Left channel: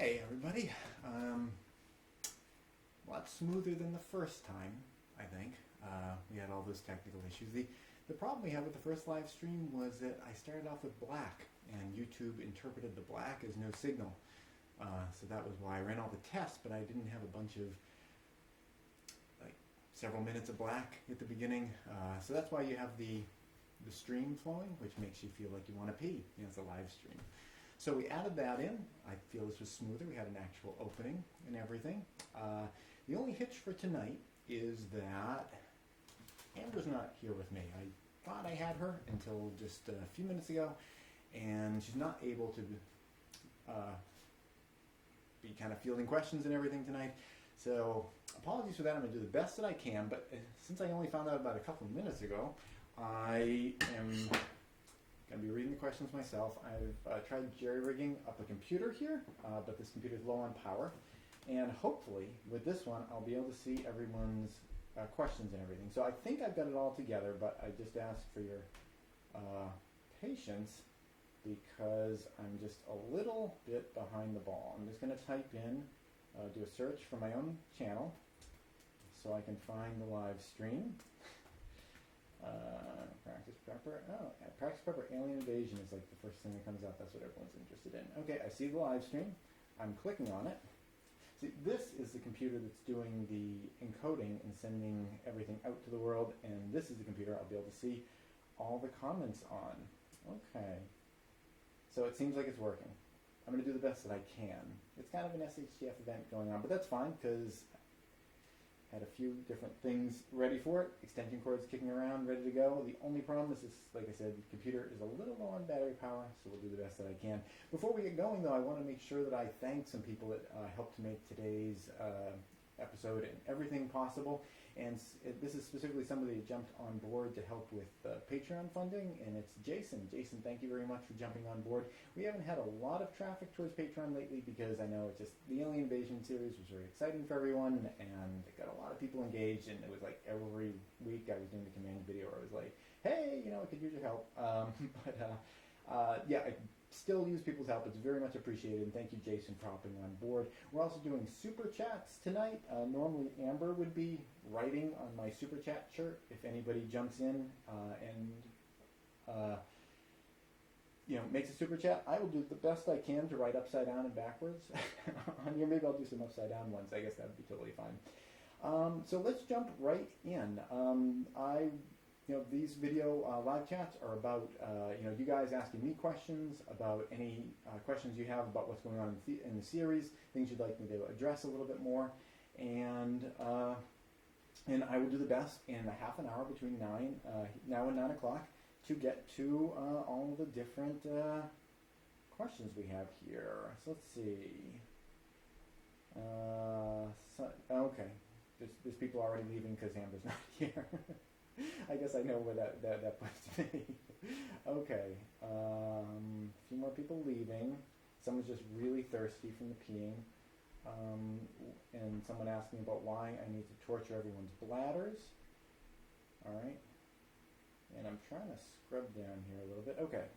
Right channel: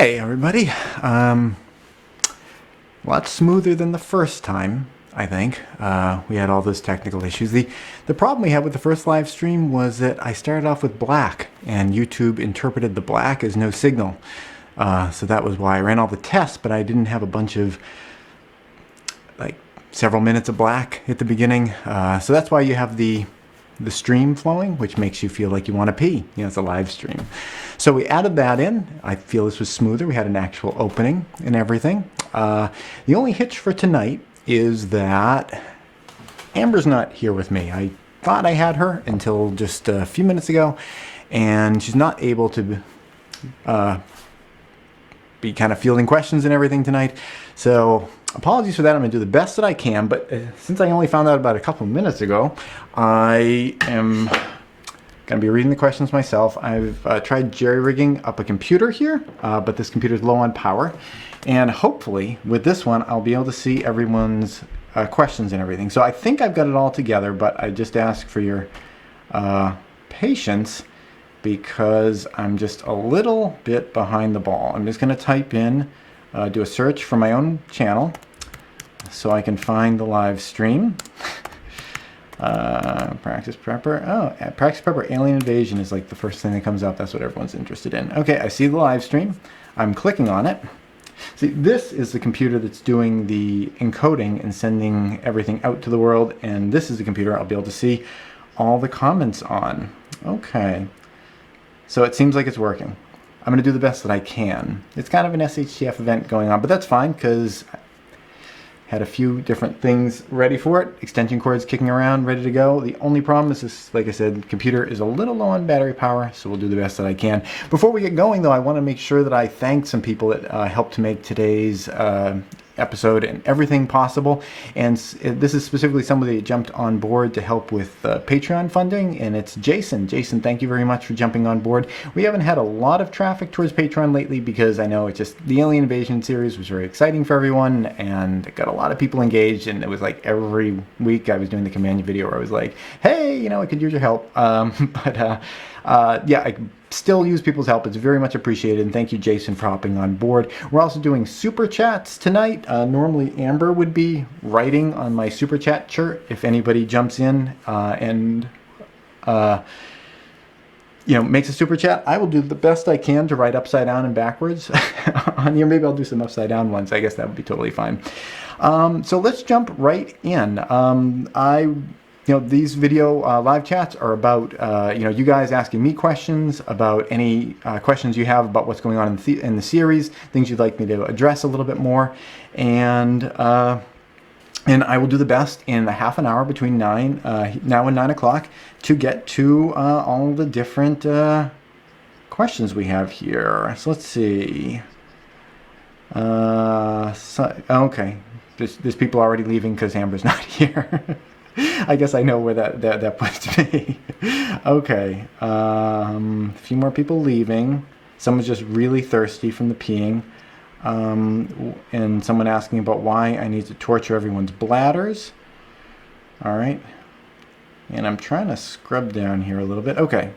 Hey everybody, a lot smoother than the first time, I think. We had all those technical issues. The problem we had with the first live stream was that I started off with black, and YouTube interpreted the black as no signal. So that was why I ran all the tests, but I didn't have a bunch of, like, several minutes of black at the beginning. So that's why you have the stream flowing, which makes you feel like you want to pee. You know, it's a live stream. So we added that in. I feel this was smoother. We had an actual opening and everything. The only hitch for tonight is that Amber's not here with me. I thought I had her until just a few minutes ago, and she's not able to be kind of fielding questions and everything tonight. So apologies for that. I'm going to do the best that I can, but since I only found out about a couple of minutes ago, I am going to be reading the questions myself. I've tried jerry-rigging up a computer here, but this computer is low on power. And hopefully, with this one, I'll be able to see everyone's questions and everything. So I think I've got it all together, but I just ask for your patience because I'm just a little bit behind the ball. I'm just going to type in, do a search for my own channel so I can find the live stream. Practice Prepper. Oh, Practice Prepper Alien Invasion is like the first thing that comes up. That's what everyone's interested in. Okay, I see the live stream. I'm clicking on it. See, this is the computer that's doing the encoding and sending everything out to the world, and this is the computer I'll be able to see all the comments on. Okay, so it seems like it's working. I'm going to do the best that I can. It's kind of an SHTF event going on, but that's fine because had a few different things ready for it. Extension cords kicking around, ready to go. The only problem is this, like I said, the computer is a little low on battery power, so we'll do the best that I can. Before we get going, though, I want to make sure that I thank some people that helped to make today's episode and everything possible. And this is specifically somebody that jumped on board to help with Patreon funding, and it's Jason. Jason, thank you very much for jumping on board. We haven't had a lot of traffic towards Patreon lately because I know it's just the Alien Invasion series was very exciting for everyone and got a lot of people engaged, and it was like every week I was doing the command video where I was like, hey, you know, I could use your help. Yeah, I still use people's help. It's very much appreciated, and thank you, Jason, for hopping on board. We're also doing super chats tonight. Normally Amber would be writing on my super chat shirt if anybody jumps in and you know, makes a super chat. I will do the best I can to write upside down and backwards on here. Maybe I'll do some upside down ones. I guess that would be totally fine. So let's jump right in. You know, these video live chats are about, you know, you guys asking me questions about any questions you have about what's going on in the series, things you'd like me to address a little bit more. And I will do the best in a half an hour between now and 9 o'clock to get to all the different questions we have here. So let's see. Okay, there's people already leaving because Amber's not here. I guess I know where that puts me. Okay, a few more people leaving. Someone's just really thirsty from the peeing. And someone asking about why I need to torture everyone's bladders. All right. And I'm trying to scrub down here a little bit. Okay.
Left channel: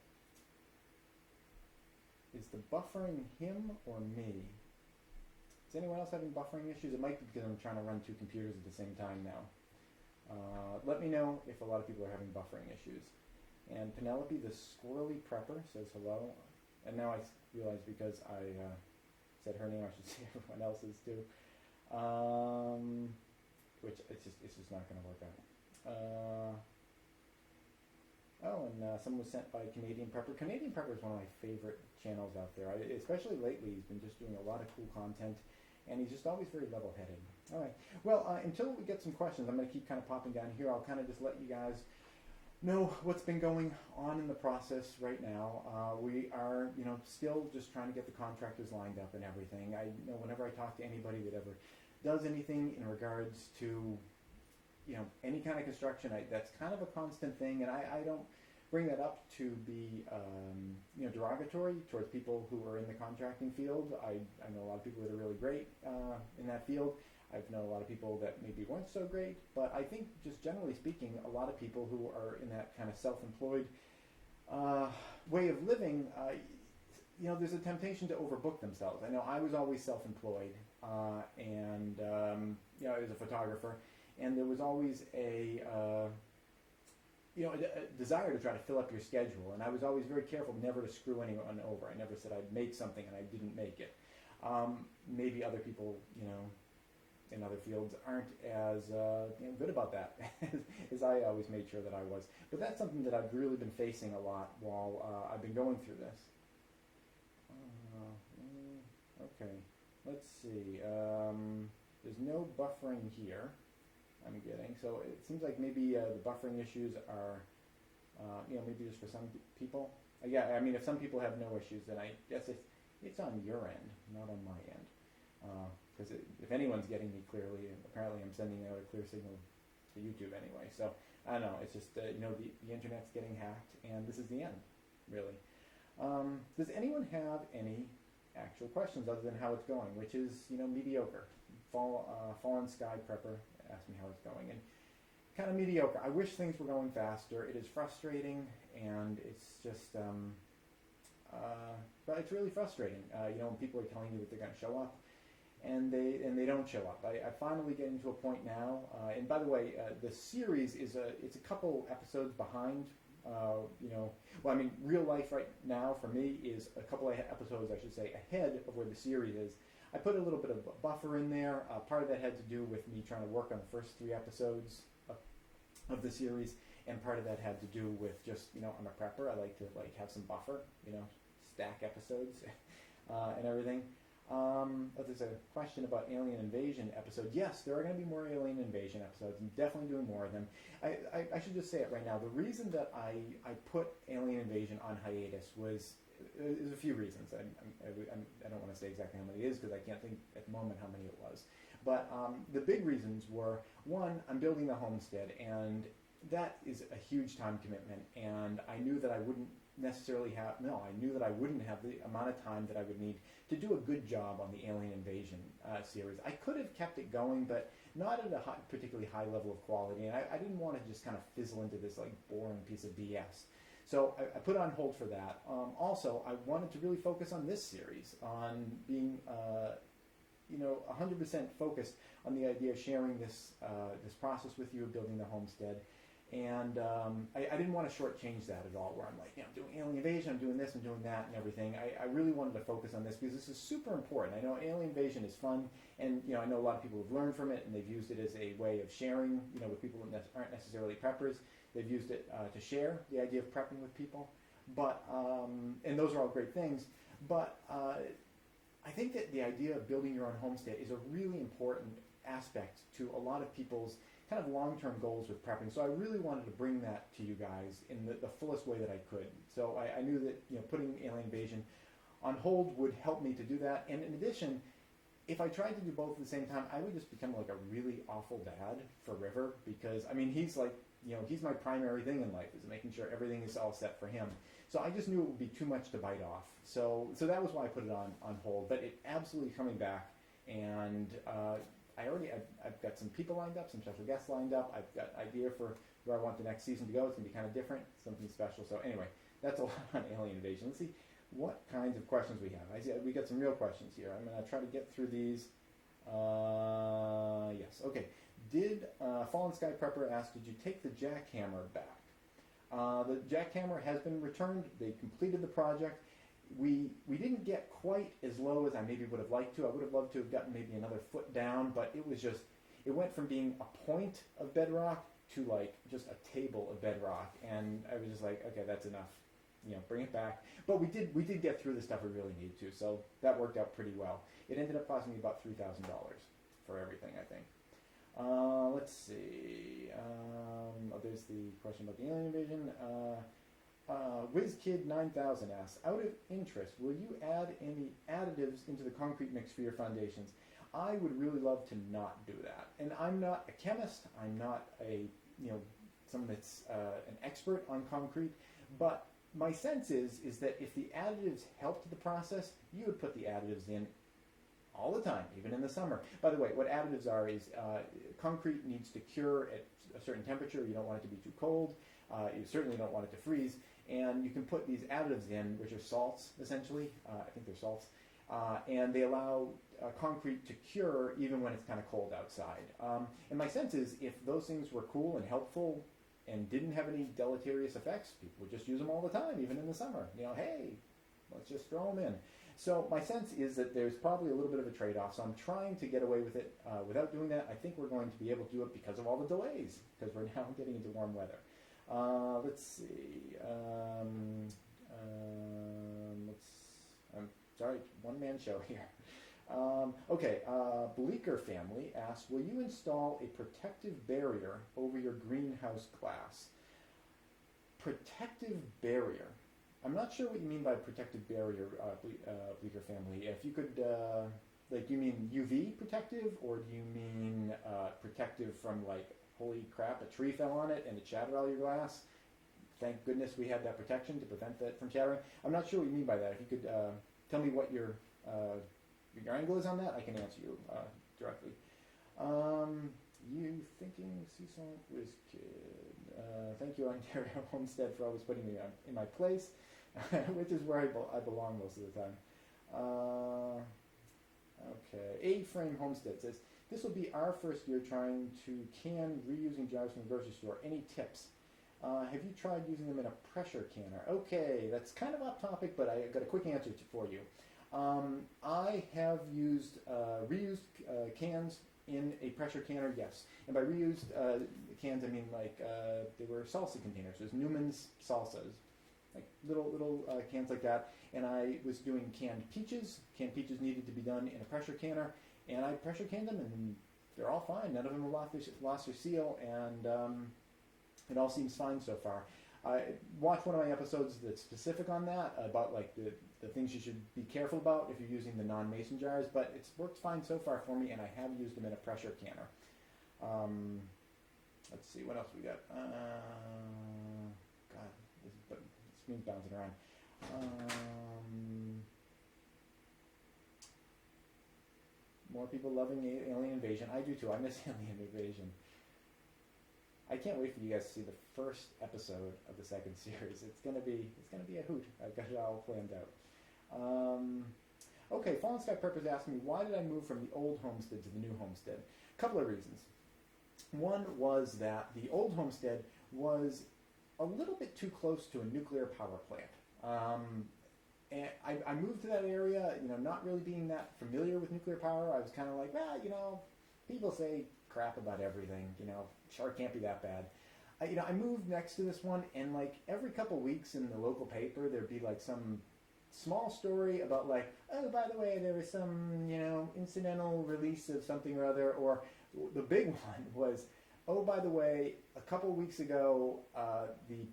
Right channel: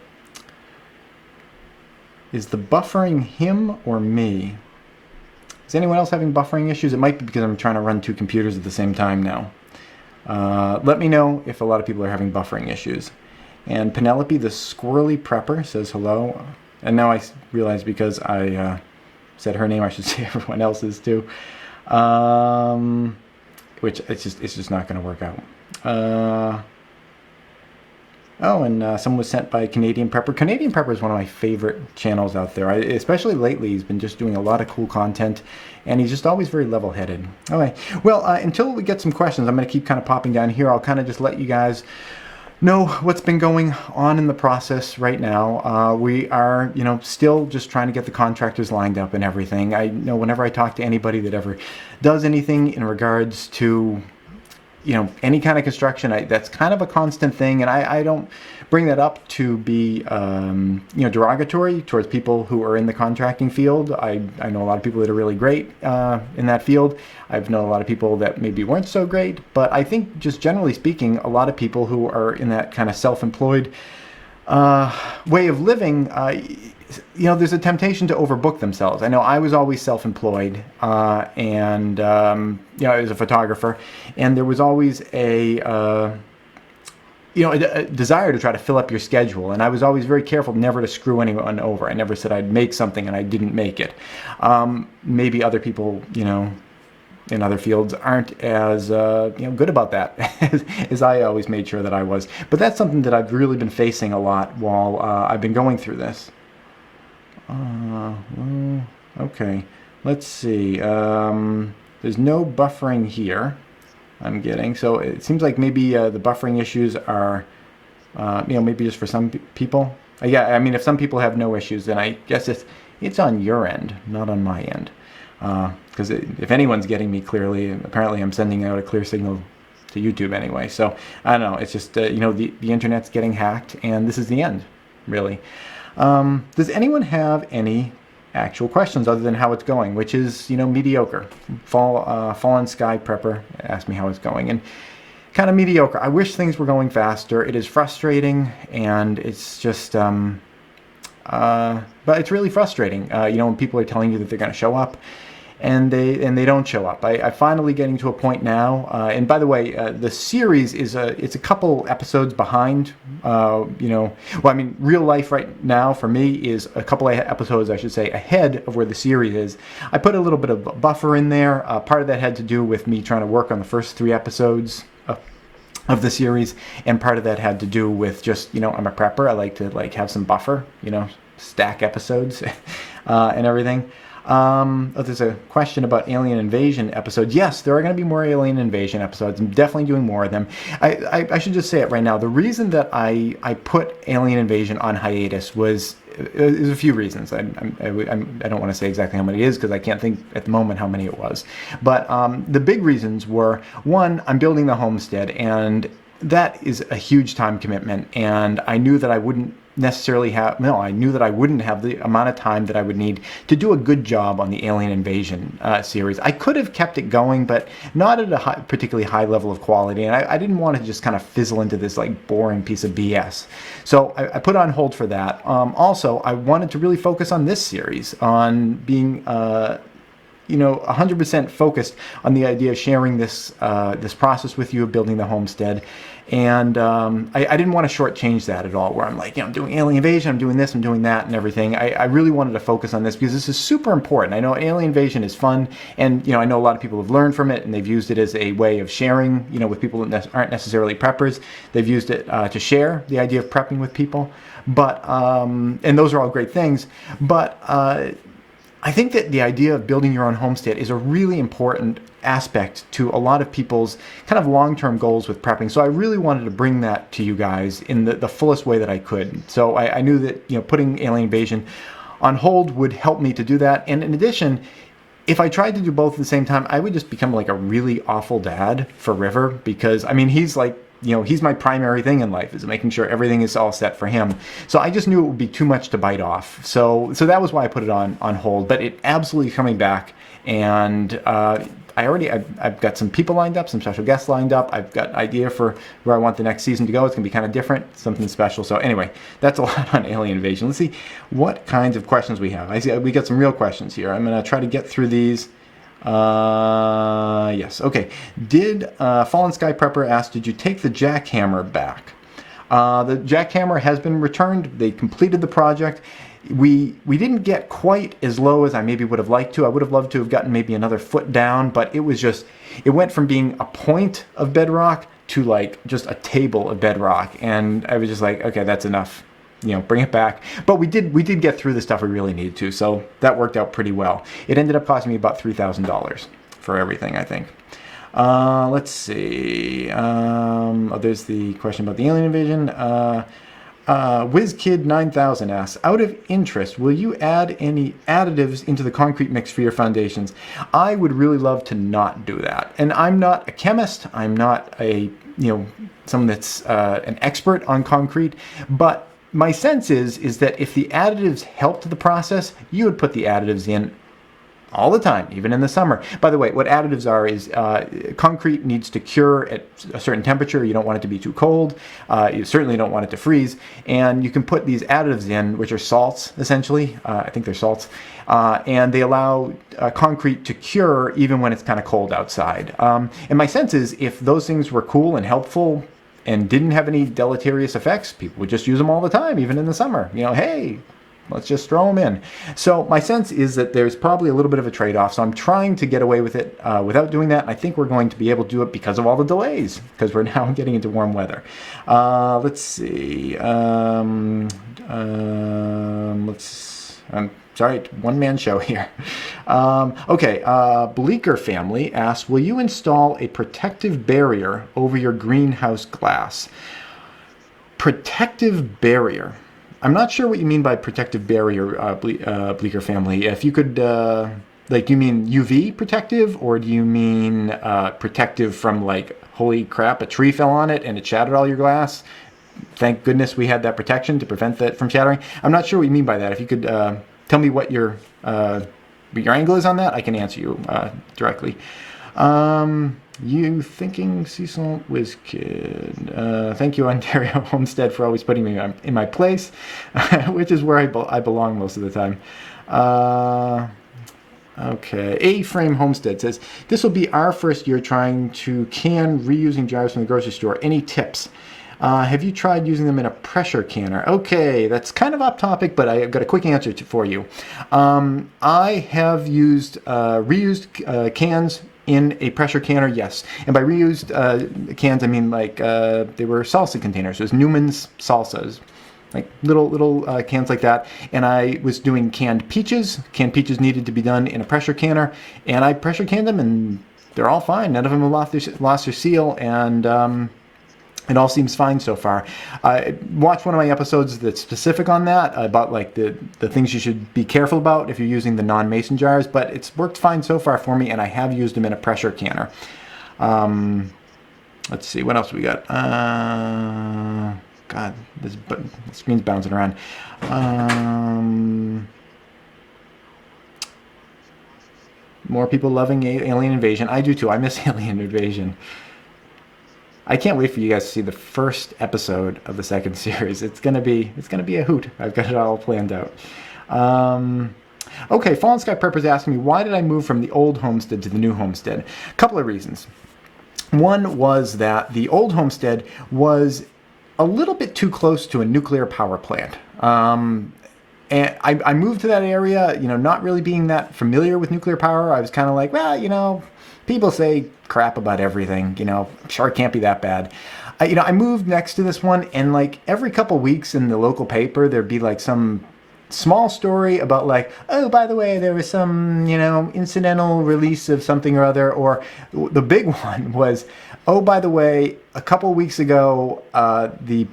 Is the buffering him or me? Is anyone else having buffering issues? It might be because I'm trying to run two computers at the same time now. Let me know if a lot of people are having buffering issues. And Penelope, the squirrely prepper, says hello. And now I realize because I said her name, I should say everyone else's too. Which it's just not going to work out. Oh, and someone was sent by Canadian Prepper. Canadian Prepper is one of my favorite channels out there. Especially lately, he's been just doing a lot of cool content, and he's just always very level-headed. Okay, well, until we get some questions, I'm going to keep kind of popping down here. I'll kind of just let you guys know what's been going on in the process right now. We are, you know, still just trying to get the contractors lined up and everything. I know whenever I talk to anybody that ever does anything in regards to, you know, any kind of construction, that's kind of a constant thing, and I don't bring that up to be, you know, derogatory towards people who are in the contracting field. I know a lot of people that are really great in that field. I've known a lot of people that maybe weren't so great, but I think just generally speaking, a lot of people who are in that kind of self-employed way of living there's a temptation to overbook themselves. I know I was always self-employed, and I was a photographer, and there was always a desire to try to fill up your schedule. And I was always very careful never to screw anyone over. I never said I'd make something and I didn't make it. Maybe other people, in other fields aren't as good about that as I always made sure that I was. But that's something that I've really been facing a lot while I've been going through this. Okay, let's see. There's no buffering here, I'm getting. So it seems like maybe the buffering issues are, maybe just for some people. Yeah, I mean, if some people have no issues, then I guess it's on your end, not on my end. Because if anyone's getting me clearly, apparently I'm sending out a clear signal to YouTube anyway. So I don't know. It's just the internet's getting hacked, and this is the end, really. Does anyone have any actual questions other than how it's going, which is mediocre? Fallen Sky Prepper asked me how it's going, and kind of mediocre. I wish things were going faster. It is frustrating, and it's just but it's really frustrating. When people are telling you that they're going to show up, and they don't show up. I'm finally getting to a point now. And by the way, the series it's a couple episodes behind. Real life right now for me is a couple of episodes, I should say, ahead of where the series is. I put a little bit of buffer in there. Part of that had to do with me trying to work on the first 3 episodes of the series, and part of that had to do with just I'm a prepper. I like to have some buffer, stack episodes and everything. There's a question about alien invasion episodes. Yes, there are going to be more alien invasion episodes. I'm definitely doing more of them. I should just say it right now. The reason that I put alien invasion on hiatus was there's a few reasons. I don't want to say exactly how many it is because I can't think at the moment how many it was. But the big reasons were, one, I'm building the homestead, and that is a huge time commitment, and I knew that I wouldn't I knew that I wouldn't have the amount of time that I would need to do a good job on the Alien Invasion series. I could have kept it going, but not at a particularly high level of quality, and I didn't want to just kind of fizzle into this boring piece of BS. So I put it on hold for that. Also, I wanted to really focus on this series, on being 100% focused on the idea of sharing this process with you of building the homestead. And I didn't want to shortchange that at all, where I'm I'm doing Alien Invasion, I'm doing this, I'm doing that, and everything. I really wanted to focus on this because this is super important. I know Alien Invasion is fun, and I know a lot of people have learned from it, and they've used it as a way of sharing, with people that aren't necessarily preppers. They've used it to share the idea of prepping with people. But and those are all great things. But I think that the idea of building your own homestead is a really important aspect to a lot of people's kind of long-term goals with prepping. So I really wanted to bring that to you guys in the fullest way that I could. So I knew that putting Alien Invasion on hold would help me to do that. And in addition, if I tried to do both at the same time, I would just become a really awful dad for River, because he's he's my primary thing in life, is making sure everything is all set for him. So I just knew it would be too much to bite off. So that was why I put it on hold. But it absolutely coming back, and I've got some people lined up, some special guests lined up. I've got an idea for where I want the next season to go. It's going to be kind of different, something special. So anyway, that's a lot on Alien Invasion. Let's see what kinds of questions we have. I see we got some real questions here. I'm going to try to get through these. Yes. Okay. Did Fallen Sky Prepper ask, did you take the jackhammer back? The jackhammer has been returned. They completed the project. We didn't get quite as low as I maybe would have liked to. I would have loved to have gotten maybe another foot down, but it went from being a point of bedrock to just a table of bedrock. And I was just okay, that's enough. Bring it back. But we did get through the stuff we really needed to, so that worked out pretty well. It ended up costing me about $3,000 for everything, I think. Let's see. There's the question about the Alien Invasion. WizKid9000 asks, out of interest, will you add any additives into the concrete mix for your foundations? I would really love to not do that. And I'm not a chemist. I'm not someone that's an expert on concrete, but my sense is that if the additives helped the process, you would put the additives in all the time, even in the summer. By the way, what additives are is concrete needs to cure at a certain temperature. You don't want it to be too cold. You certainly don't want it to freeze. And you can put these additives in, which are salts, essentially. I think they're salts. And they allow concrete to cure even when it's kind of cold outside. And my sense is if those things were cool and helpful and didn't have any deleterious effects, people would just use them all the time, even in the summer. You know, hey, let's just throw them in. So my sense is that there's probably a little bit of a trade-off. So I'm trying to get away with it without doing that. I think we're going to be able to do it because of all the delays, because we're now getting into warm weather. Let's see. I'm sorry, one-man show here. Bleecker family asks, will you install a protective barrier over your greenhouse glass? Protective barrier. I'm not sure what you mean by protective barrier, Bleecker family. If you could, like, you mean UV protective, or do you mean protective from, like, holy crap, a tree fell on it and it shattered all your glass? Thank goodness we had that protection to prevent that from shattering. I'm not sure what you mean by that. If you could tell me what your angle is on that, I can answer you directly. You thinking Cecil Whiz Kid. Thank you, Ontario Homestead, for always putting me in my place, which is where I belong most of the time. Okay, A-Frame Homestead says, this will be our first year trying to can reusing jars from the grocery store. Any tips? Have you tried using them in a pressure canner? Okay, that's kind of off topic, but I've got a quick answer for you. I have used reused cans in a pressure canner, yes. And by reused cans, I mean like they were salsa containers. It was Newman's salsas, like little cans like that. And I was doing canned peaches. Canned peaches needed to be done in a pressure canner, and I pressure canned them, and they're all fine. None of them have lost their seal, and it all seems fine so far. Watch one of my episodes that's specific on that, about like the things you should be careful about if you're using the non-mason jars, but it's worked fine so far for me, and I have used them in a pressure canner. Let's see, what else we got? God, the screen's bouncing around. More people loving Alien Invasion. I do too. I miss Alien Invasion. I can't wait for you guys to see the first episode of the second series. It's gonna be a hoot. I've got it all planned out. Okay, Fallen Sky Prepper's asking me, why did I move from the old homestead to the new homestead? A couple of reasons. One was that the old homestead was a little bit too close to a nuclear power plant. And I moved to that area, you know, not really being that familiar with nuclear power. I was kind of like, well, you know, people say crap about everything, you know, sure, it can't be that bad. I moved next to this one, and like every couple weeks in the local paper, there'd be like some small story about like, oh, by the way, there was some, you know, incidental release of something or other. Or the big one was, oh, by the way, a couple weeks ago, the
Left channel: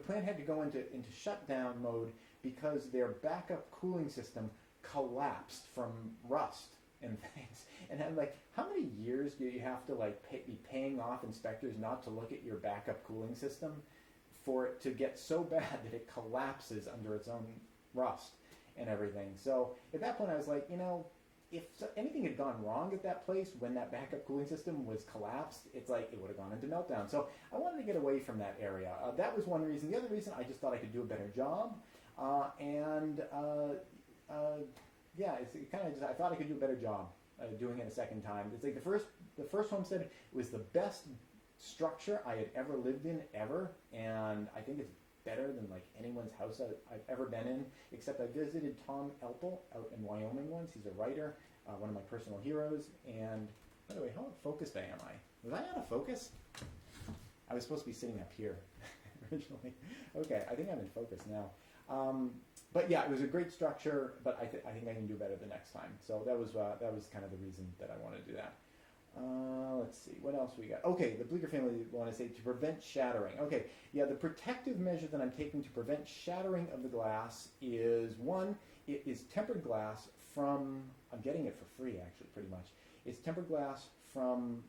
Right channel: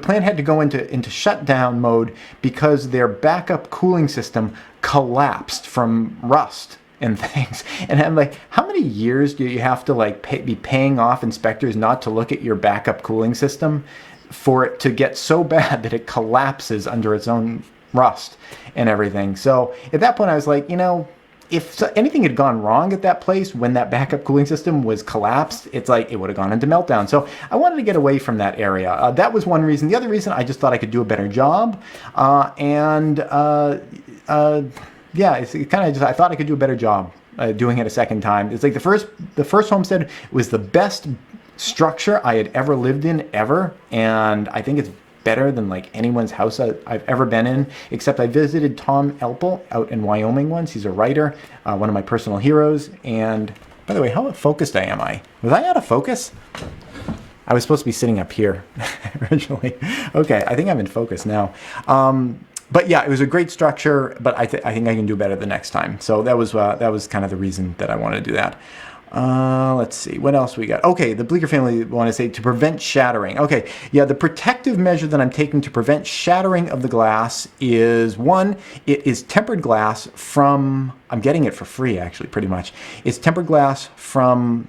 plant had to go into shutdown mode because their backup cooling system collapsed from rust and things. And I'm like, how many years do you have to like be paying off inspectors not to look at your backup cooling system for it to get so bad that it collapses under its own rust and everything? So at that point I was like, you know, if anything had gone wrong at that place when that backup cooling system was collapsed, it's like it would have gone into meltdown. So I wanted to get away from that area. That was one reason. The other reason, I just thought I could do a better job. Yeah, it's kind of just, I thought I could do a better job doing it a second time. It's like the first homestead was the best structure I had ever lived in ever, and I think it's better than like anyone's house I've ever been in, except I visited Tom Elpel out in Wyoming once. He's a writer, one of my personal heroes. And by the way, how focused am I? Was I out of focus? I was supposed to be sitting up here originally. Okay, I think I'm in focus now. But yeah, it was a great structure, but I think I can do better the next time. So that was kind of the reason that I wanted to do that. Let's see, what else we got? Okay, the Bleecker family want to say to prevent shattering. Okay, yeah, the protective measure that I'm taking to prevent shattering of the glass is, one, it is tempered glass from, I'm getting it for free actually, pretty much. It's tempered glass from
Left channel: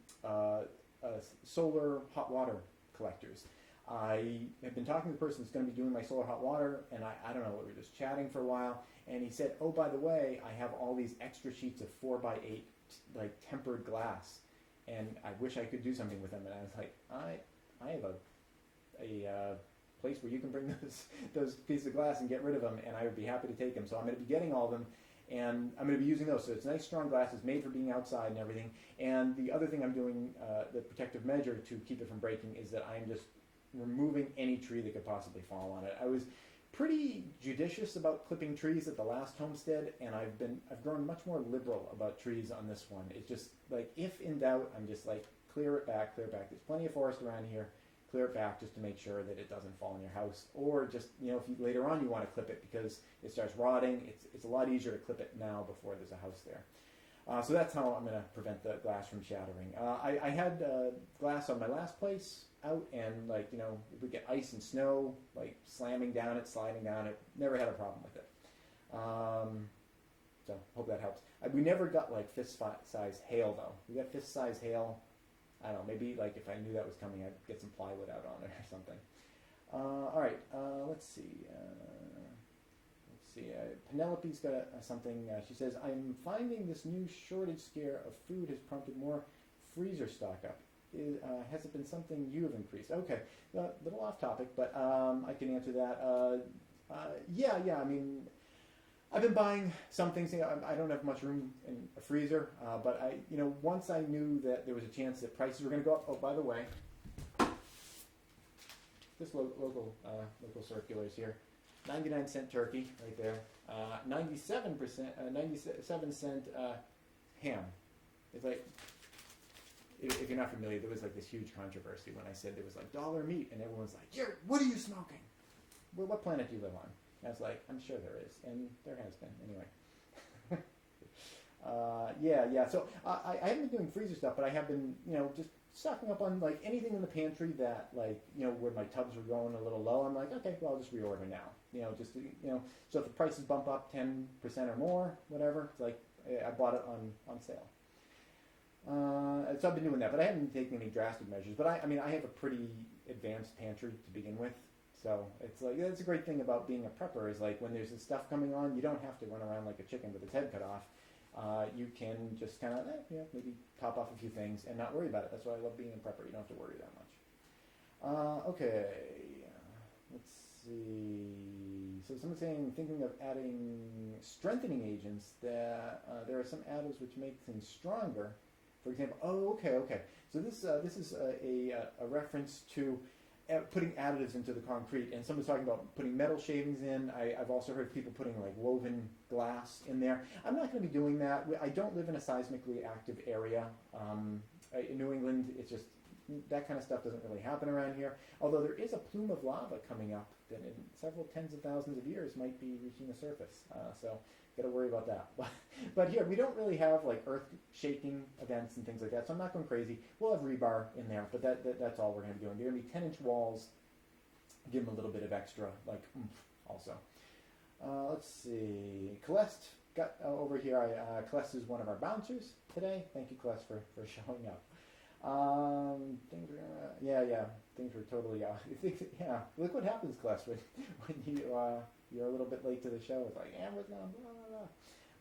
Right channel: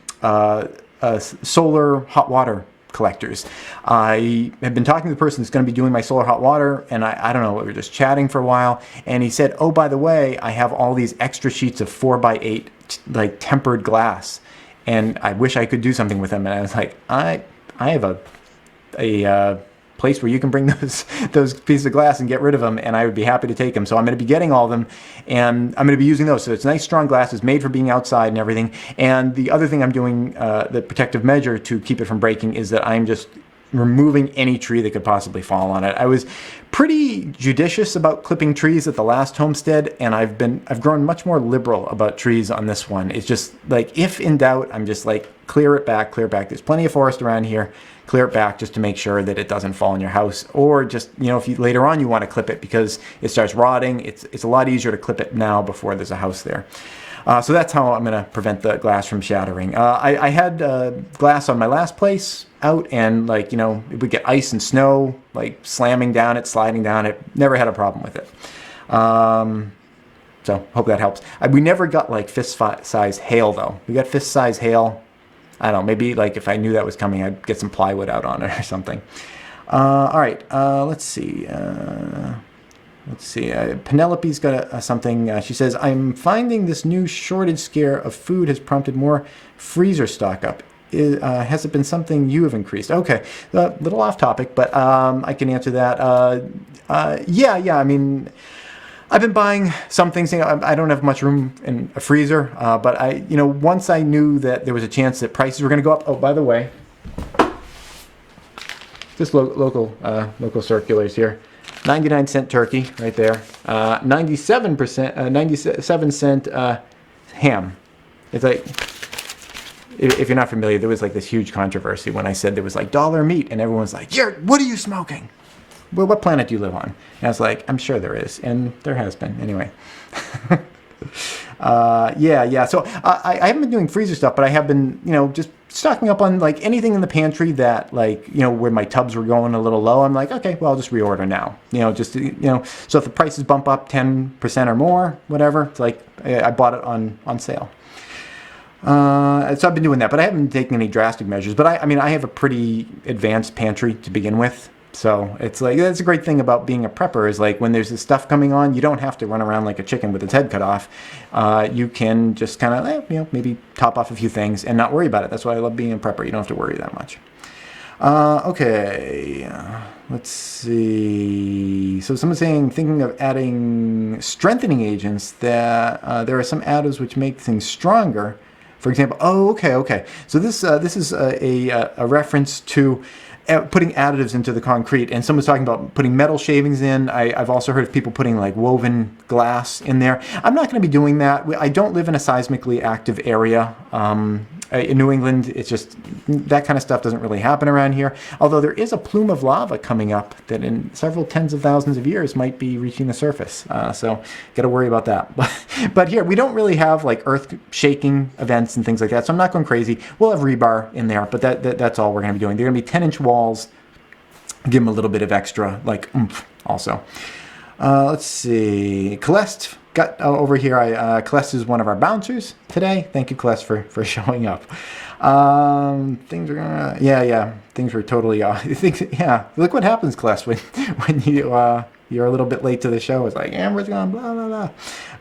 solar hot water collectors. I have been talking to the person that's going to be doing my solar hot water, and I don't know, we were just chatting for a while, and he said, oh, by the way, I have all these extra sheets of 4x8 like tempered glass, and I wish I could do something with them. And I was like, I have a place where you can bring those pieces of glass and get rid of them, and I would be happy to take them. So I'm going to be getting all of them, and I'm going to be using those. So it's nice strong glass. It's made for being outside and everything. And the other thing I'm doing, the protective measure to keep it from breaking, is that I'm just removing any tree that could possibly fall on it. I was pretty judicious about clipping trees at the last homestead, and I've grown much more liberal about trees on this one. It's just like, if in doubt, I'm just like, clear it back, clear it back. There's plenty of forest around here. Clear it back just to make sure that it doesn't fall in your house, or just, you know, if you later on you want to clip it because it starts rotting, it's a lot easier to clip it now before there's a house there. So that's how I'm going to prevent the glass from shattering. I had glass on my last place out, and like, you know, it would get ice and snow, like slamming down it, sliding down it. Never had a problem with it. So hope that helps. We never got like fist size hail though. We got fist size hail. I don't know, maybe like if I knew that was coming, I'd get some plywood out on it or something. All right, let's see. Penelope's got something. She says, I'm finding this new shortage scare of food has prompted more freezer stock up. Has it been something you have increased? Okay, a little off topic, but I can answer that. Yeah, I mean, I've been buying some things. I don't have much room in a freezer, but once I knew that there was a chance that prices were going to go up. Oh, by the way, just local circulars here. 99-cent turkey right there. 97-cent ham. It's like, if you're not familiar, there was like this huge controversy when I said there was like dollar meat, and everyone's like, what are you smoking? Well, what planet do you live on? And I was like, I'm sure there is, and there has been. Anyway. Yeah. So I haven't been doing freezer stuff, but I have been, just stocking up on like anything in the pantry that like, where my tubs were going a little low. I'm like, okay, well, I'll just reorder now. So if the prices bump up 10% or more, whatever, it's like I bought it on sale. So I've been doing that, but I haven't taken any drastic measures. But I have a pretty advanced pantry to begin with. So it's like, that's a great thing about being a prepper, is like when there's this stuff coming on, you don't have to run around like a chicken with its head cut off. You can just kind of, maybe top off a few things and not worry about it. That's why I love being a prepper. You don't have to worry that much. Okay, let's see. So someone's saying, thinking of adding strengthening agents, that there are some additives which make things stronger. For example, okay. So this is a reference to putting additives into the concrete, and someone's talking about putting metal shavings in. I've also heard of people putting like woven glass in there. I'm not going to be doing that. I don't live in a seismically active area. In New England, it's just, that kind of stuff doesn't really happen around here. Although there is a plume of lava coming up that in several tens of thousands of years might be reaching the surface. So got to worry about that. But here, we don't really have like earth shaking events and things like that. So I'm not going crazy. We'll have rebar in there, but that's all we're going to be doing. They're going to be 10-inch walls. Give them a little bit of extra like oomph also. Let's see. Celeste got over here. Celeste is one of our bouncers today. Thank you, Celeste, for showing up. Things are gonna, things were totally off. Look what happens, Celeste, when you're a little bit late to the show. It's like Amber's gone, blah blah blah.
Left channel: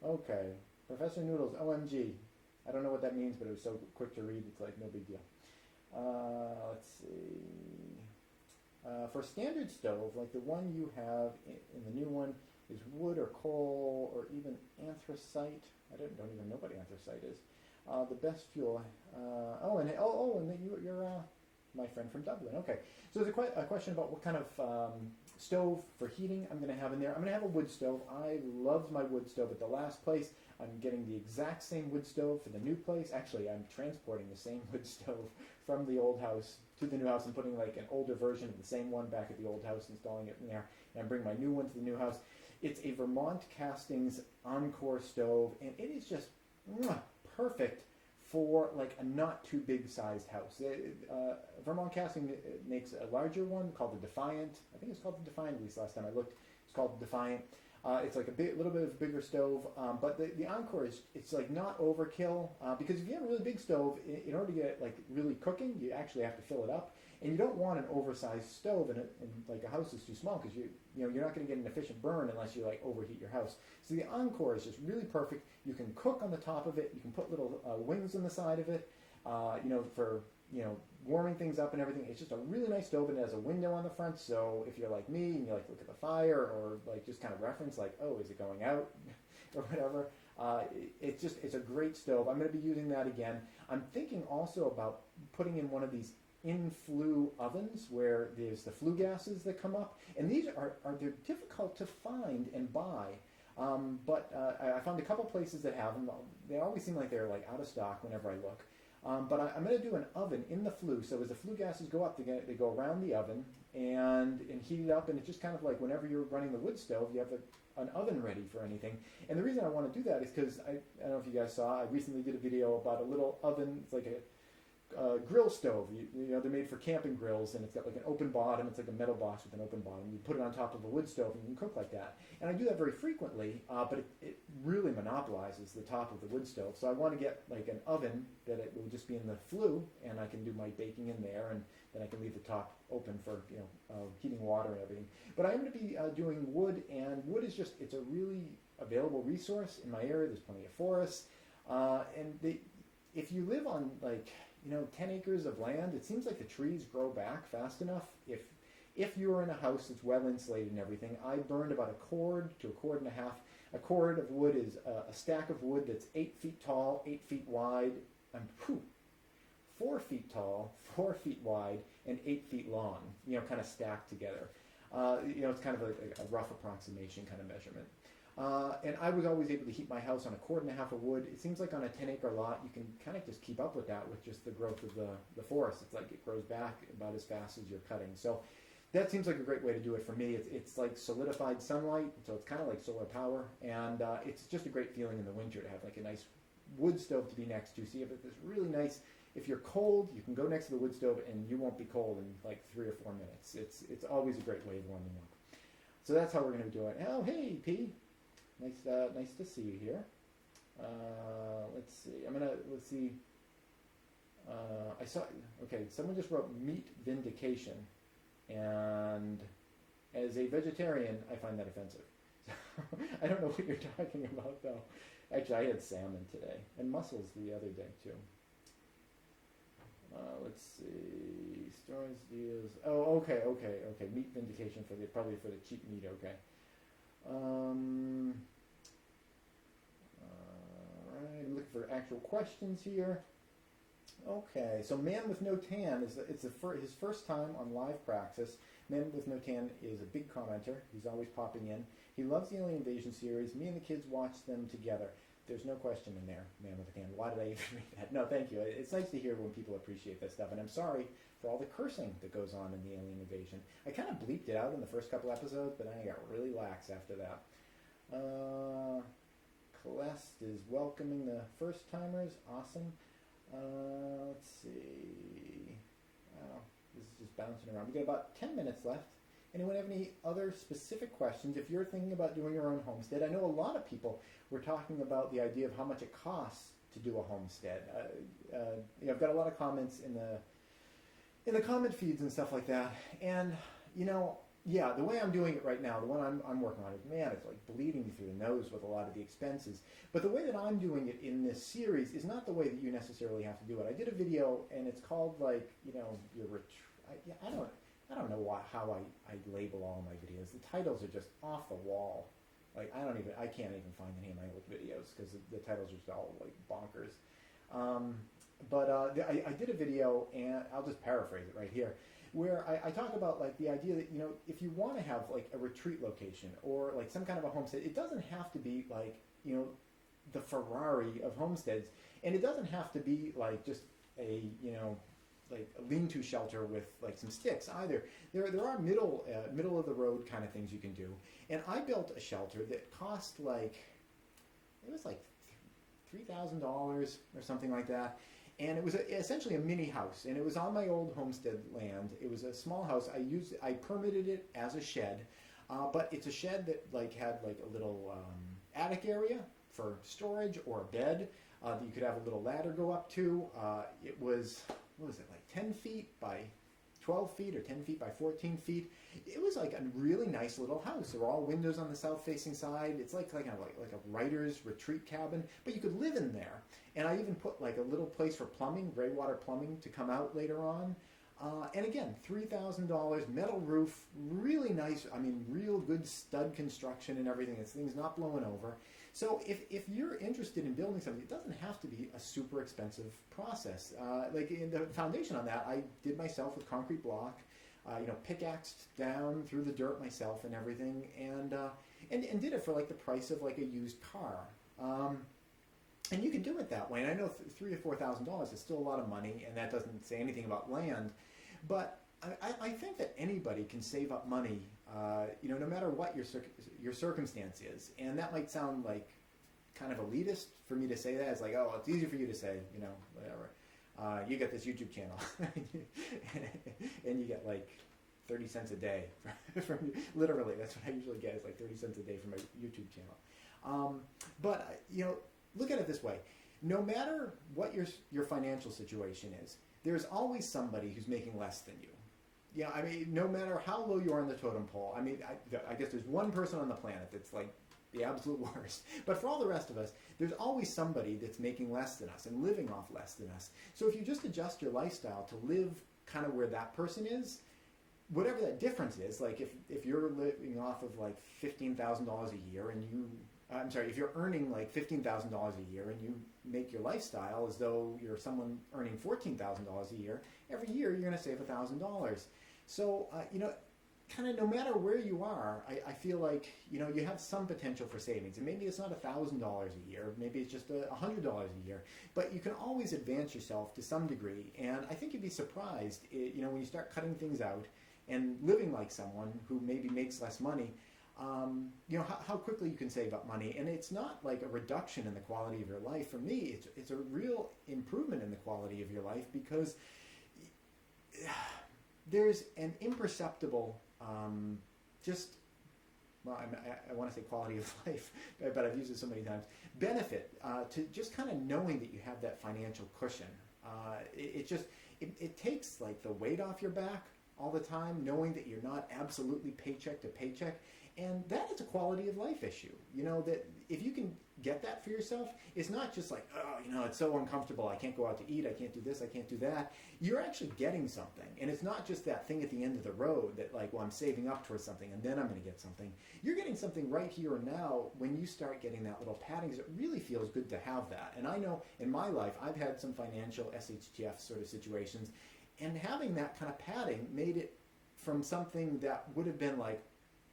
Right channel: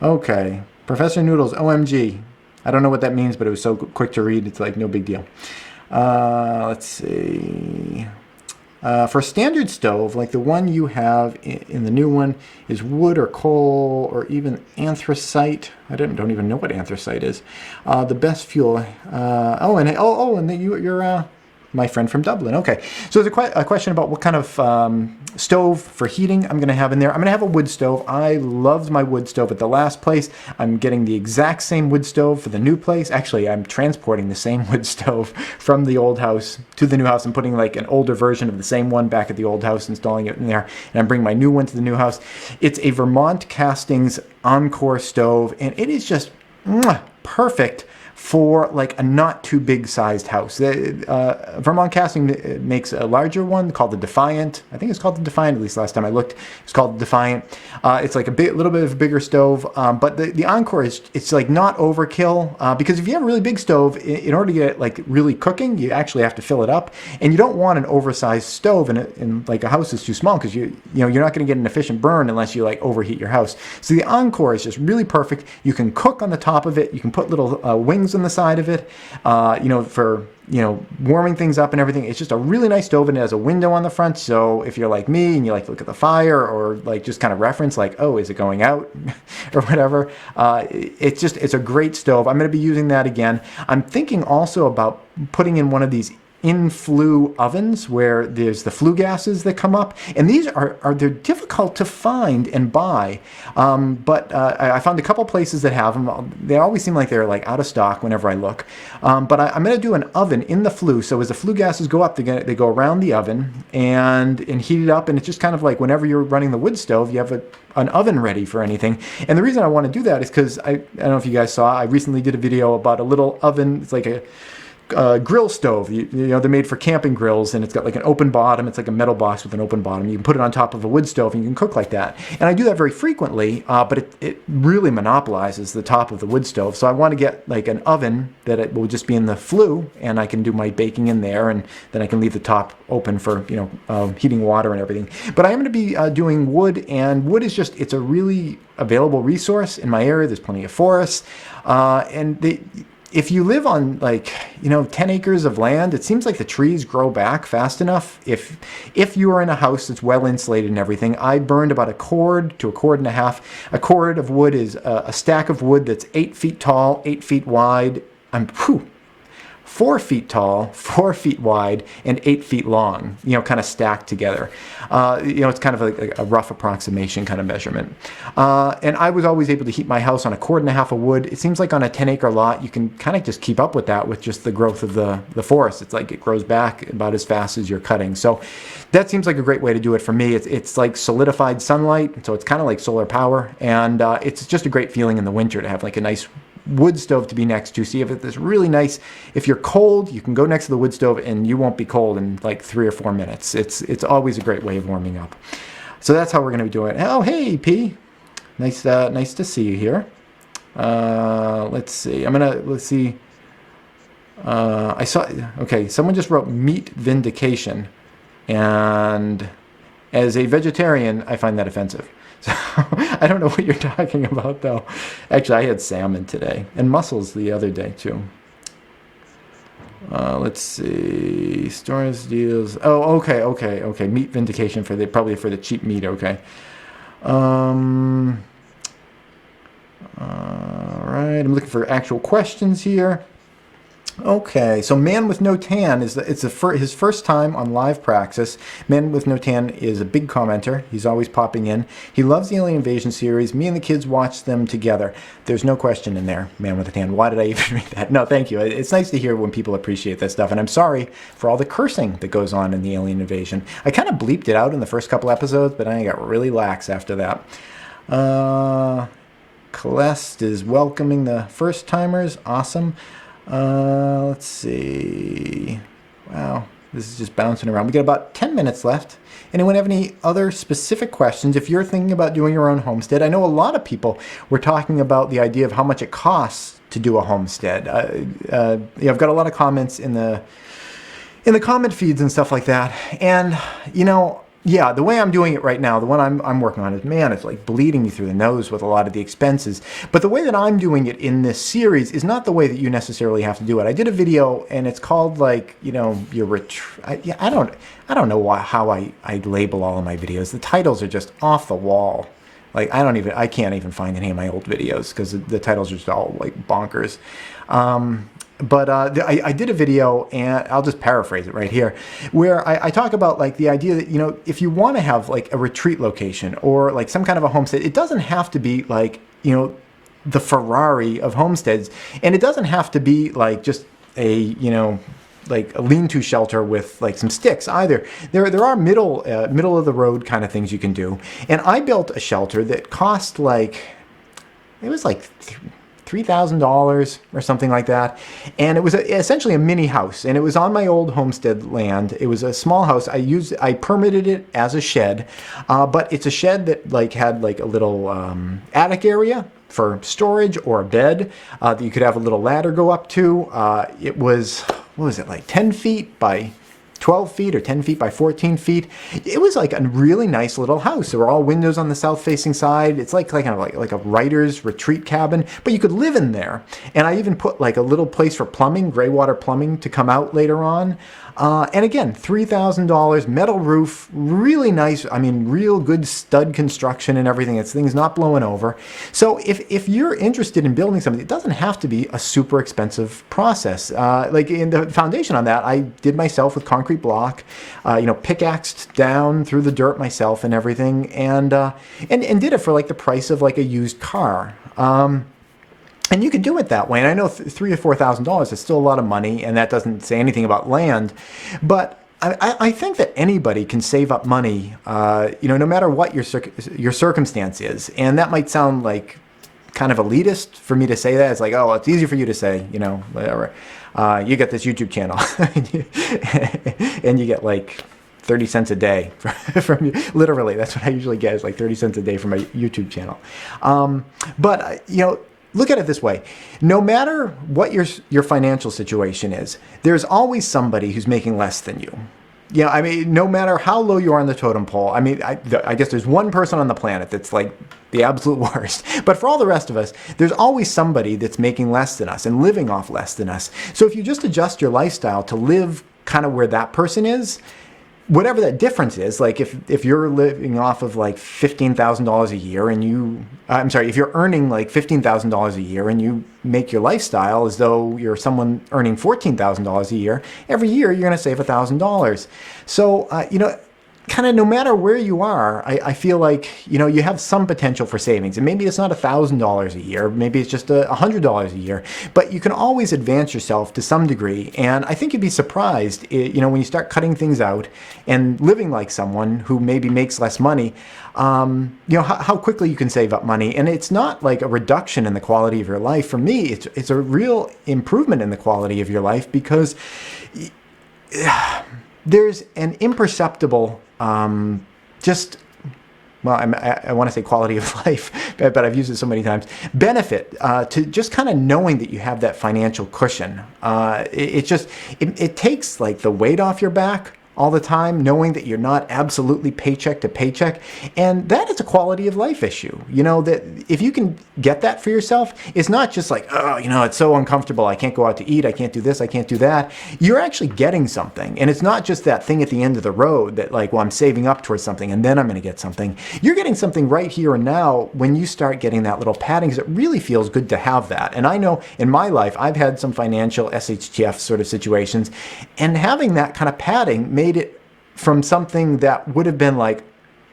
Okay, Professor Noodles, OMG. I don't know what that means, but it was so quick to read. It's like no big deal. Let's see. For a standard stove, like the one you have in the new one, is wood or coal or even anthracite. I don't even know what anthracite is. The best fuel. You're my friend from Dublin. Okay, so there's a question about what kind of stove for heating I'm going to have in there. I'm going to have a wood stove. I loved my wood stove at the last place. I'm getting the exact same wood stove for the new place. Actually, I'm transporting the same wood stove from the old house to the new house. I'm putting like an older version of the same one back at the old house, installing it in there, and I'm bringing my new one to the new house. It's a Vermont Castings Encore stove, and it is just perfect for like a not too big sized house. Vermont Casting makes a larger one called the Defiant. I think it's called the Defiant, at least last time I looked. It's called the Defiant. It's like little bit of a bigger stove, but the Encore it's like not overkill, because if you have a really big stove, in order to get it like really cooking, you actually have to fill it up, and you don't want an oversized stove in like a house that's too small, because you're not going to get an efficient burn unless you like overheat your house. So the Encore is just really perfect. You can cook on the top of it. You can put little wings on the side of it, for warming things up and everything. It's just a really nice stove, and it has a window on the front. So if you're like me and you like to look at the fire, or like just kind of reference like, oh, is it going out or whatever, it's a great stove. I'm going to be using that again. I'm thinking also about putting in one of these in-flue ovens where there's the flue gases that come up, and these they're difficult to find and buy, but I found a couple places that have them. They always seem like they're like out of stock whenever I look, but I'm going to do an oven in the flue, so as the flue gases go up, they go around the oven and heat it up, and it's just kind of like whenever you're running the wood stove, you have an oven ready for anything. And the reason I want to do that is because I don't know if you guys saw, I recently did a video about a little oven. It's like a grill stove. They're made for camping grills, and it's got like an open bottom. It's like a metal box with an open bottom. You can put it on top of a wood stove, and you can cook like that. And I do that very frequently, but it really monopolizes the top of the wood stove. So I want to get like an oven that it will just be in the flue, and I can do my baking in there, and then I can leave the top open for heating water and everything. But I am going to be doing wood, and wood is it's a really available resource in my area. There's plenty of forests, and if you live on 10 acres of land, it seems like the trees grow back fast enough. If you are in a house that's well insulated and everything, I burned about a cord to a cord and a half. A cord of wood is a stack of wood that's 8 feet tall, 8 feet wide. 4 feet tall, 4 feet wide, and 8 feet long, kind of stacked together. It's kind of like a rough approximation kind of measurement. And I was always able to heat my house on a cord and a half of wood. It seems like on a 10-acre lot, you can kind of just keep up with that with just the growth of the forest. It's like it grows back about as fast as you're cutting. So that seems like a great way to do it for me. It's like solidified sunlight, so it's kind of like solar power. And it's just a great feeling in the winter to have like a nice wood stove to be next to. See if it's really nice. If you're cold, you can go next to the wood stove and you won't be cold in like 3 or 4 minutes. It's always a great way of warming up. So that's how we're going to be doing it. Oh, hey, P. Nice to see you here. Let's see. Let's see. I saw, okay, someone just wrote meat vindication. And as a vegetarian, I find that offensive. So I don't know what you're talking about, though. Actually, I had salmon today and mussels the other day, too. Let's see. Stores deals. Oh, okay. Meat vindication probably for the cheap meat. Okay. All right. I'm looking for actual questions here. Okay, so Man with No Tan his first time on Live Praxis. Man with No Tan is a big commenter. He's always popping in. He loves the Alien Invasion series. Me and the kids watch them together. There's no question in there, Man with a Tan. Why did I even read that? No, thank you. It's nice to hear when people appreciate that stuff, and I'm sorry for all the cursing that goes on in the Alien Invasion. I kind of bleeped it out in the first couple episodes, but I got really lax after that. Celeste is welcoming the first timers. Awesome. Let's see. Wow, this is just bouncing around. We got about 10 minutes left. Anyone have any other specific questions? If you're thinking about doing your own homestead, I know a lot of people were talking about the idea of how much it costs to do a homestead. I've got a lot of comments in the comment feeds and stuff like that. And, yeah, the way I'm doing it right now, the one I'm working on is, man, it's like bleeding me through the nose with a lot of the expenses. But the way that I'm doing it in this series is not the way that you necessarily have to do it. I did a video, and it's called your I don't know how I label all of my videos. The titles are just off the wall. Like I can't even find any of my old videos because the titles are just all like bonkers. But I did a video, and I'll just paraphrase it right here, where I talk about like the idea that, if you want to have like a retreat location or like some kind of a homestead, it doesn't have to be like, the Ferrari of homesteads. And it doesn't have to be like just a, like a lean-to shelter with like some sticks either. There are middle of the road kind of things you can do. And I built a shelter that cost like, it was like $3,000 or something like that. And it was essentially a mini house, and it was on my old homestead land. It was a small house. I permitted it as a shed, but it's a shed that like had like a little attic area for storage or a bed that you could have a little ladder go up to. It was, what was it, like 10 feet by 12 feet or 10 feet by 14 feet. It was like a really nice little house. There were all windows on the south-facing side. It's like kind of like a writer's retreat cabin, but you could live in there. And I even put like a little place for plumbing, gray water plumbing, to come out later on. And again, $3,000, metal roof, really nice. I mean, real good stud construction and everything. It's things not blowing over. So if you're interested in building something, it doesn't have to be a super expensive process. Like in the foundation on that, I did myself with concrete block, pickaxed down through the dirt myself and everything, and did it for like the price of like a used car. And you can do it that way. And I know $3,000 or $4,000 is still a lot of money, and that doesn't say anything about land. But I think that anybody can save up money, no matter what your circumstance is. And that might sound like kind of elitist for me to say that. It's like, oh, it's easy for you to say, whatever. You get this YouTube channel, and you get like 30 cents a day from you. Literally, that's what I usually get, is like 30 cents a day from my YouTube channel. But look at it this way. No matter what your financial situation is, there's always somebody who's making less than you. No matter how low you are on the totem pole, I guess there's one person on the planet that's like the absolute worst. But for all the rest of us, there's always somebody that's making less than us and living off less than us. So if you just adjust your lifestyle to live kind of where that person is, whatever that difference is, like if you're living off of like $15,000 a year and if you're earning like $15,000 a year and you make your lifestyle as though you're someone earning $14,000 a year, every year you're going to save $1,000. So, kind of no matter where you are, I feel like, you have some potential for savings. And maybe it's not $1,000 a year, maybe it's just $100 a year, but you can always advance yourself to some degree. And I think you'd be surprised, when you start cutting things out and living like someone who maybe makes less money, how quickly you can save up money. And it's not like a reduction in the quality of your life. For me, it's a real improvement in the quality of your life, because there's an imperceptible I want to say quality of life, but I've used it so many times, benefit to just kind of knowing that you have that financial cushion. It takes like the weight off your back all the time, knowing that you're not absolutely paycheck to paycheck. And that is a quality of life issue. That if you can get that for yourself, it's not just like, oh, it's so uncomfortable. I can't go out to eat. I can't do this. I can't do that. You're actually getting something. And it's not just that thing at the end of the road that like, well, I'm saving up towards something and then I'm going to get something. You're getting something right here and now when you start getting that little padding, because it really feels good to have that. And I know in my life, I've had some financial SHTF sort of situations, and having that kind of padding made it from something that would have been like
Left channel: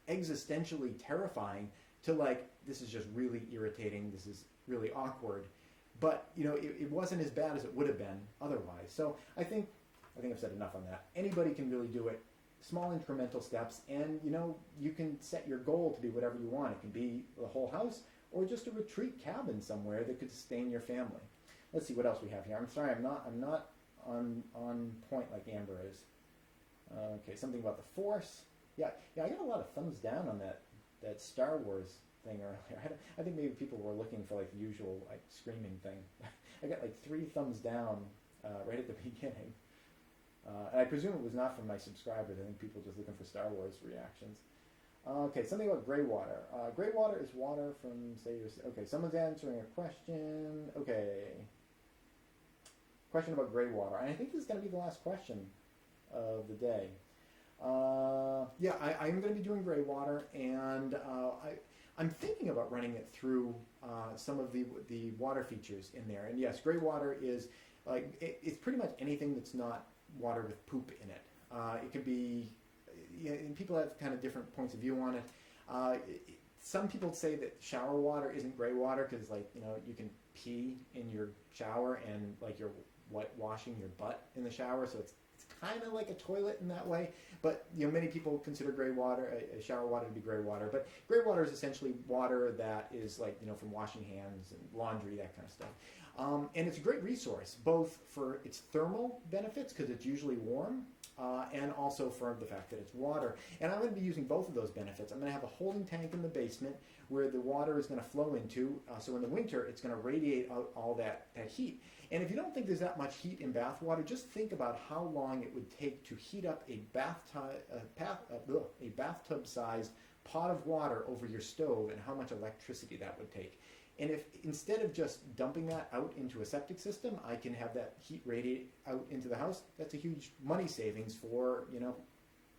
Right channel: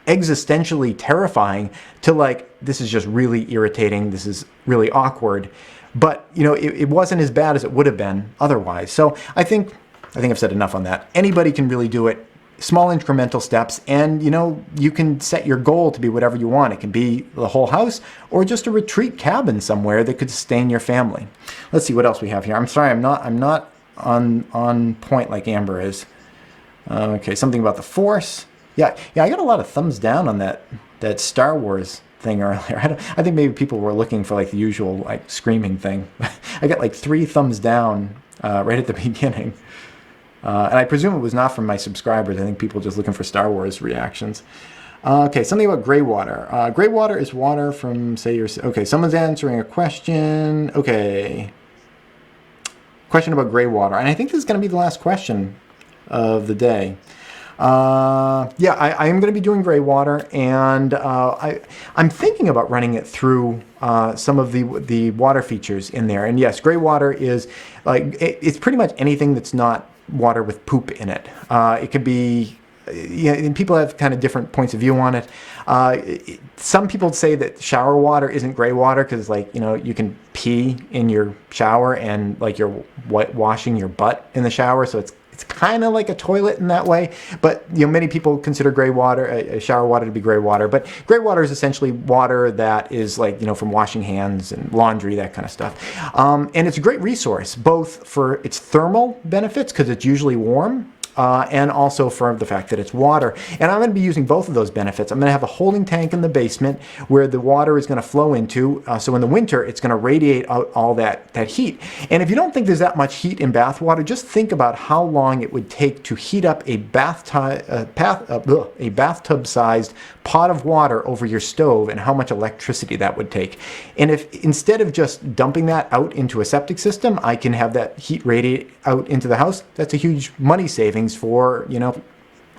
existentially terrifying to like, this is just really irritating, this is really awkward, but it wasn't as bad as it would have been otherwise. So I think I've said enough on that. Anybody can really do it, small incremental steps, and you can set your goal to be whatever you want. It can be the whole house or just a retreat cabin somewhere that could sustain your family. Let's see what else we have here. I'm sorry, I'm not on point like Amber is. Okay, something about the Force. Yeah, I got a lot of thumbs down on that Star Wars thing earlier. I think maybe people were looking for like the usual like screaming thing. I got like 3 thumbs down right at the beginning. And I presume it was not from my subscribers. I think people just looking for Star Wars reactions. Okay, something about gray water. Gray water is water from, okay, someone's answering a question. Okay. Question about gray water. And I think this is going to be the last question of the day. I am going to be doing gray water, and I'm thinking about running it through some of the water features in there. And yes, gray water is like, it's pretty much anything that's not water with poop in it. It could be, and people have kind of different points of view on it. Some people say that shower water isn't gray water because, like, you can pee in your shower and like you're washing your butt in the shower, so it's It's kind of like a toilet in that way, but you know, many people consider gray water, shower water, to be gray water. But gray water is essentially water that is like, you know, from washing hands and laundry, that kind of stuff. And it's a great resource, both for its thermal benefits, because it's usually warm, and also for the fact that it's water. And I'm going to be using both of those benefits. I'm going to have a holding tank in the basement where the water is going to flow into, so in the winter it's going to radiate out all that heat. And if you don't think there's that much heat in bath water, just think about how long it would take to heat up a bathtub-sized pot of water over your stove, and how much electricity that would take. And if instead of just dumping that out into a septic system, I can have that heat radiate out into the house, that's a huge money savings for, you know,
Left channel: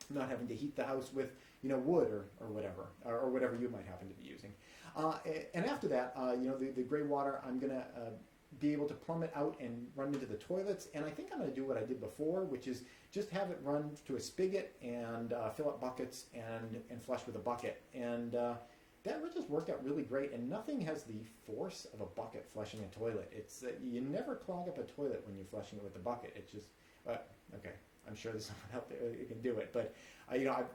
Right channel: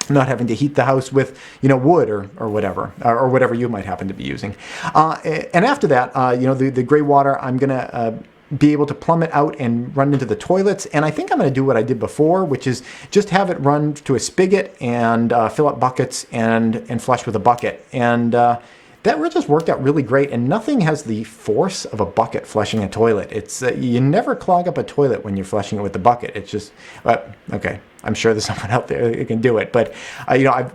not having to heat the house with, you know, wood or whatever you might happen to be using. And after that, you know, the gray water, I'm gonna be able to plumb it out and run into the toilets. And I think I'm going to do what I did before, which is just have it run to a spigot and fill up buckets and flush with a bucket. And that just worked out really great. And nothing has the force of a bucket flushing a toilet. It's you never clog up a toilet when you're flushing it with the bucket. It's just okay. I'm sure there's someone out there who can do it, but you know,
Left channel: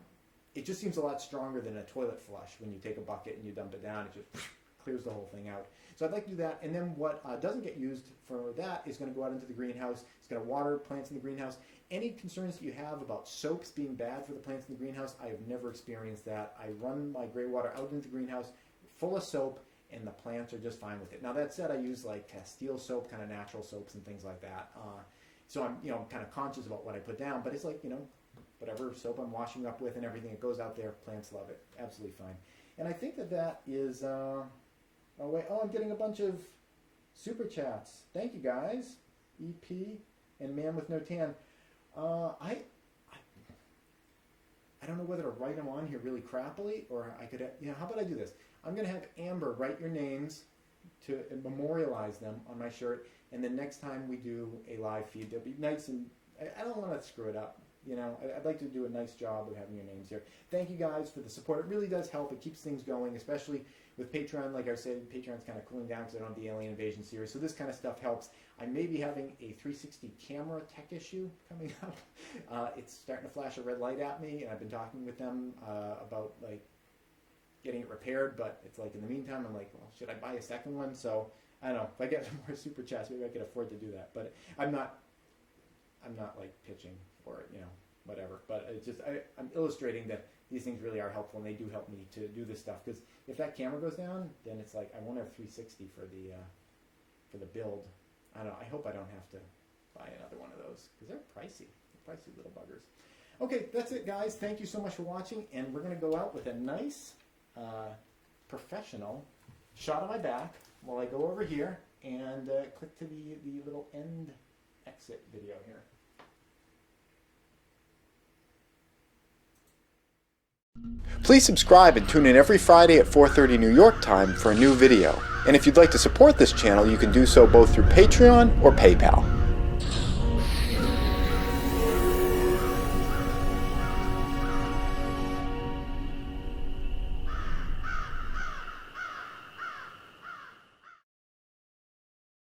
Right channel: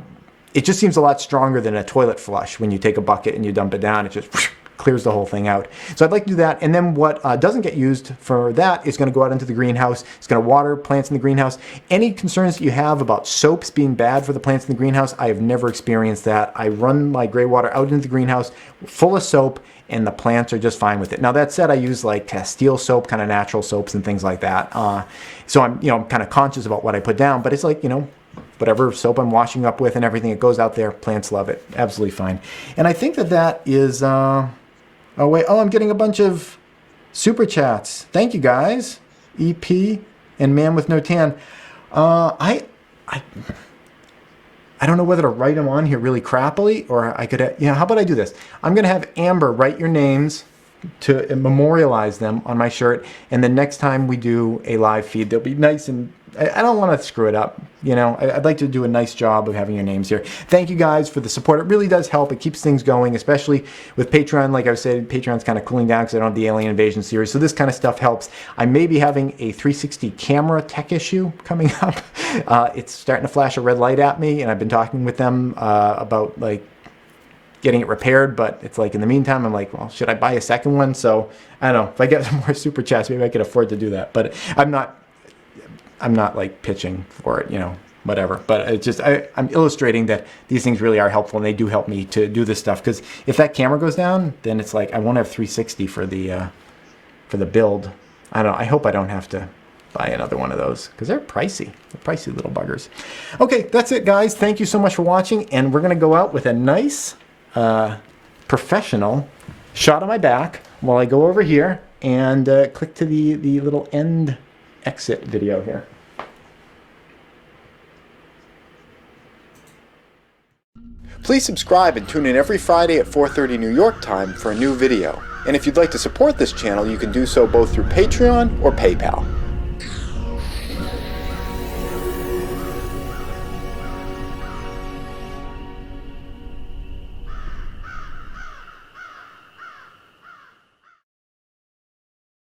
it just seems a lot stronger than a toilet flush. When you take a bucket and you dump it down, it just clears the whole thing out. So I'd like to do that. And then what doesn't get used for that is going to go out into the greenhouse. It's going to water plants in the greenhouse. Any concerns that you have about soaps being bad for the plants in the greenhouse, I have never experienced that. I run my gray water out into the greenhouse full of soap, and the plants are just fine with it. Now that said, I use like Castile soap, kind of natural soaps and things like that. So I'm, you know, kind of conscious about what I put down, but it's like, you know, whatever soap I'm washing up with and everything, it goes out there. Plants love it. Absolutely fine. And I think that is, oh wait, I'm getting a bunch of super chats. Thank you guys. EP and Man with No Tan. I don't know whether to write them on here really crappily, or I could, you know, how about I do this? I'm going to have Amber write your names to memorialize them on my shirt, and the next time we do a live feed, they'll be nice, and I don't want to screw it up. You know, I'd like to do a nice job of having your names here. Thank you guys for the support. It really does help. It keeps things going, especially with Patreon. Like I said, Patreon's kind of cooling down because I don't have the Alien Invasion series. So this kind of stuff helps. I may be having a 360 camera tech issue coming up. It's starting to flash a red light at me, and I've been talking with them about like getting it repaired, but it's like in the meantime, I'm like, well, should I buy a second one? So I don't know. If I get some more super chats, maybe I could afford to do that. But I'm not like pitching for it, you know, whatever. But it's just, I'm illustrating that these things really are helpful, and they do help me to do this stuff. Because if that camera goes down, then it's like I won't have 360 for the build. I don't know. I hope I don't have to buy another one of those, because they're pricey. They're pricey little buggers. Okay, that's it, guys. Thank you so much for watching, and we're gonna go out with a nice professional shot of my back while I go over here and click to the little end exit video here. Please subscribe and tune in every Friday at 4:30 New York time for a new video. And if you'd like to support this channel, you can do so both through Patreon or PayPal.